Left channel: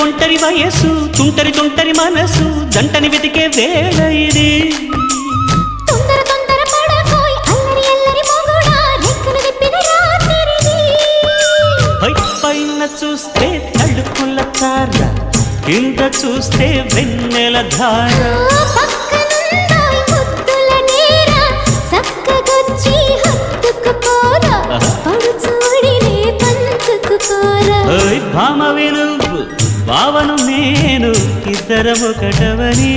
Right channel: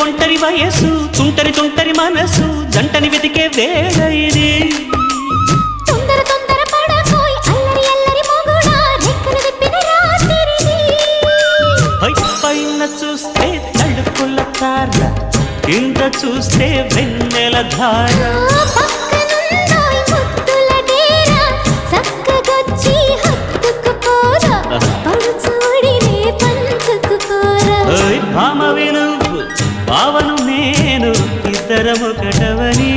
ఒంటరి వయస్సు తుంటరి తుంటరి మనసు జంటని వెతికే వేళ ఇది తొందర తొందర పడకోయ్ అల్లరి అల్లరి మొగుడా రెక్కలు విప్పిన రాత్రిది పైన చూస్తే తడుకుల తార కింద చూస్తే వెన్నెల ధార పక్కనుందోయ్ ముద్దుల డేరా చక్కగొచ్చి హత్తుకుపోరా పడుచోడినే పంచుకుపోరా భామ విలువు భావను నేను ఇద్దరమొకటవని